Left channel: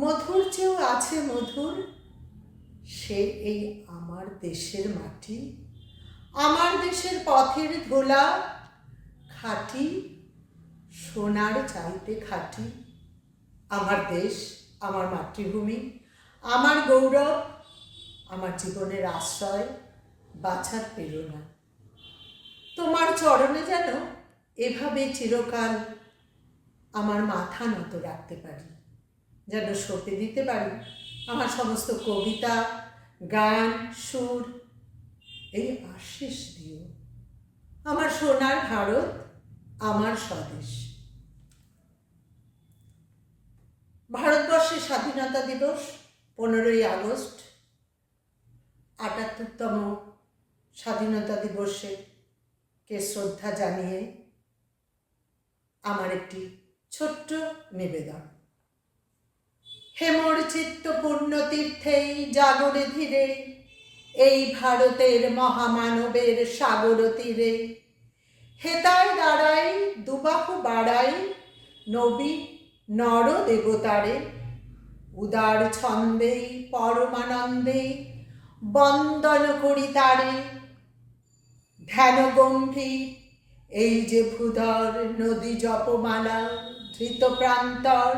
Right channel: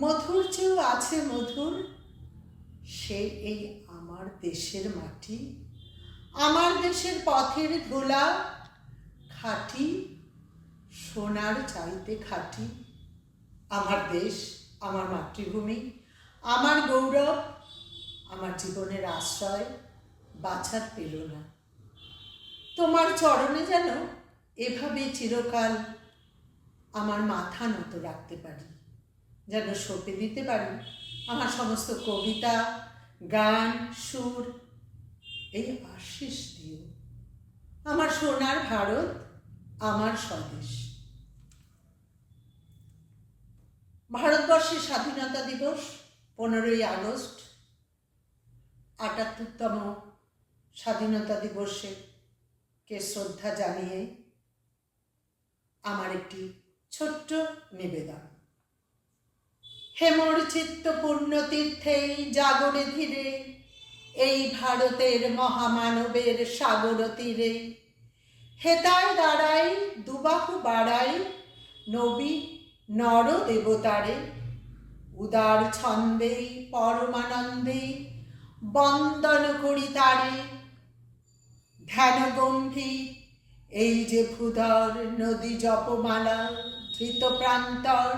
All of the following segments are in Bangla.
মধুর চেয়েও আছে মধুর, সে এই আমার দেশের মাটি, আমার দেশের পথের ধোলা, খাঁটি, সোনার চাইতে খাঁটি। আমার দেশ, আমার মাতৃভূমি, আমার গৌরব, আমার জীবনের আশ্রয় বাছার প্রেরণা। তোমার চরণে যেন এভাবে চিরকাল আমার মাথা নত রাখতে পারি। যেন সঁপে দিতে পারি আমার সমস্ত কবিতা, গান, সুর, এই আশিস দিও। আমার সোনার ভারত, আমার স্বদেশ। ভারতবর্ষের স্বাধীনতা দিবস পনেরোই আগস্ট, আটাত্তরতম স্বাধীনতা দিবসে কে শ্রদ্ধা জানিয়ে আমার একটি ছোট্ট নিবেদন। হেমর চিত্ত পূর্ণ তীর্থেই জাগরে ধীরে, এই ভারতের মহামানবের সাগর তীরে। হেতার দাঁড়াই দুবাহু বাড়াই, নবী নর দেবতারে উদার ছন্দে পরমানন্দে বন্দন করি তারে। ধ্যান গম্ভীর এই যে ভূধর নদী জপমালা, ধৃত প্রান্তর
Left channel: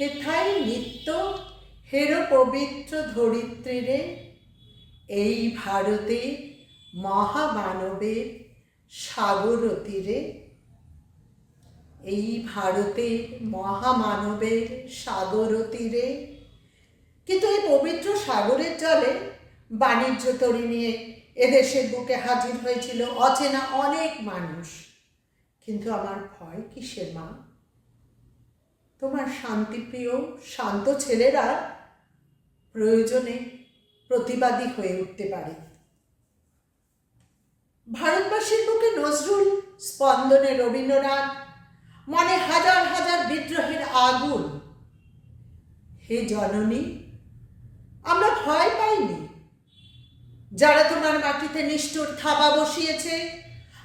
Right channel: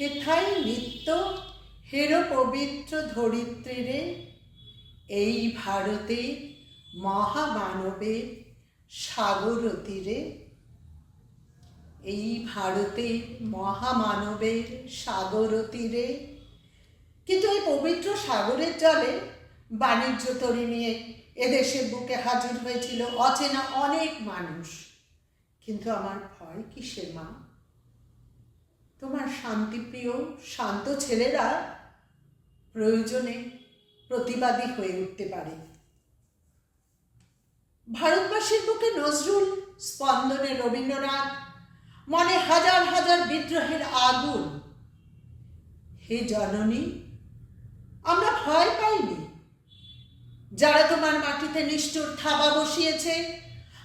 হেথায় নিত্য হের পবিত্র ধরিত্রীরে। এই ভারতে মহামানবের সাগর তীরে এই ভারতে মহামানবের সাগর তীরে কিন্তু এই পবিত্র সাগরের জলে বাণিজ্য তরি নিয়ে এদেশের বুকে হাজির হয়েছিল অচেনা অনেক মানুষ। কিন্তু আমার ভয় কিসের মা? তোমার শান্তিপ্রিয় শান্ত ছেলেরা প্রয়োজনে প্রতিবাদী হয়ে উঠতে পারে। ভারতবাসীর বুকে নজরুল স্পন্দনে রবীন্দ্রনাথ, মনে হাজার হাজার বিদ্রোহের আগুন। হে জননী, আমরা ভয় পাইনি। যারা তোমার মাটিতে নিষ্ঠুর থাবা বসিয়েছে,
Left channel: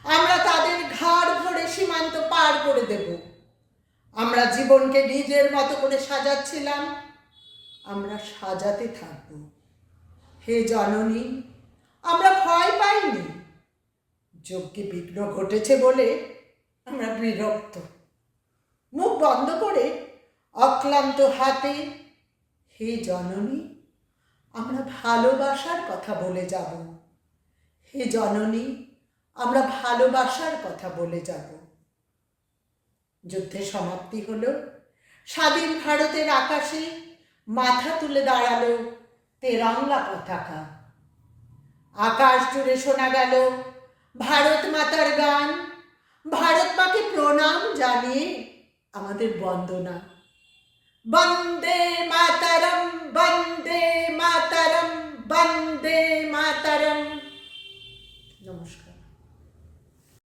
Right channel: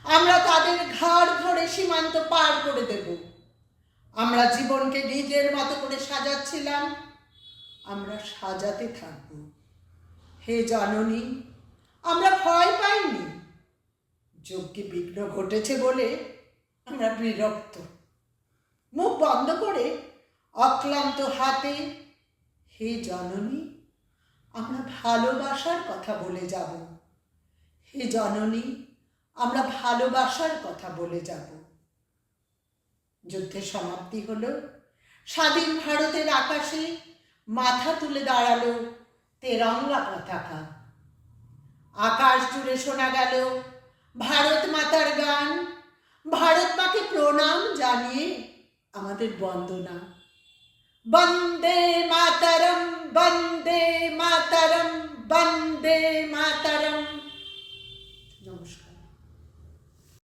আমরা তাদের ঘাড় ধরে সীমান্ত পার করে দেব। আমরা জীবনকে নিজের মতো করে সাজাচ্ছিলাম, আমরা সাজাতে থাকব। হে জননী, আমরা ভয় পাইনি। যজ্ঞে বিঘ্ন ঘটেছে বলে আমরা বিরক্ত। মুখ বন্ধ করে অক্লান্ত হাতে, হে জননী, আমরা ভালোবাসার কথা বলে যাব। হে জননী, আমরা ভালোবাসার কথা বলে যাব। যুদ্ধের সমাপ্তি হলো। স্বাধীন ভারতের আকাশে মাথা তুলে দাঁড়াল তেরঙ্গা পতাকা। আকাশ জুড়ে শোনা গেল ভারত মাতার গান। ভারত মাকে প্রণাম জানিয়ে আমাদের বন্দনা। বন্দে মাতারম, বন্দে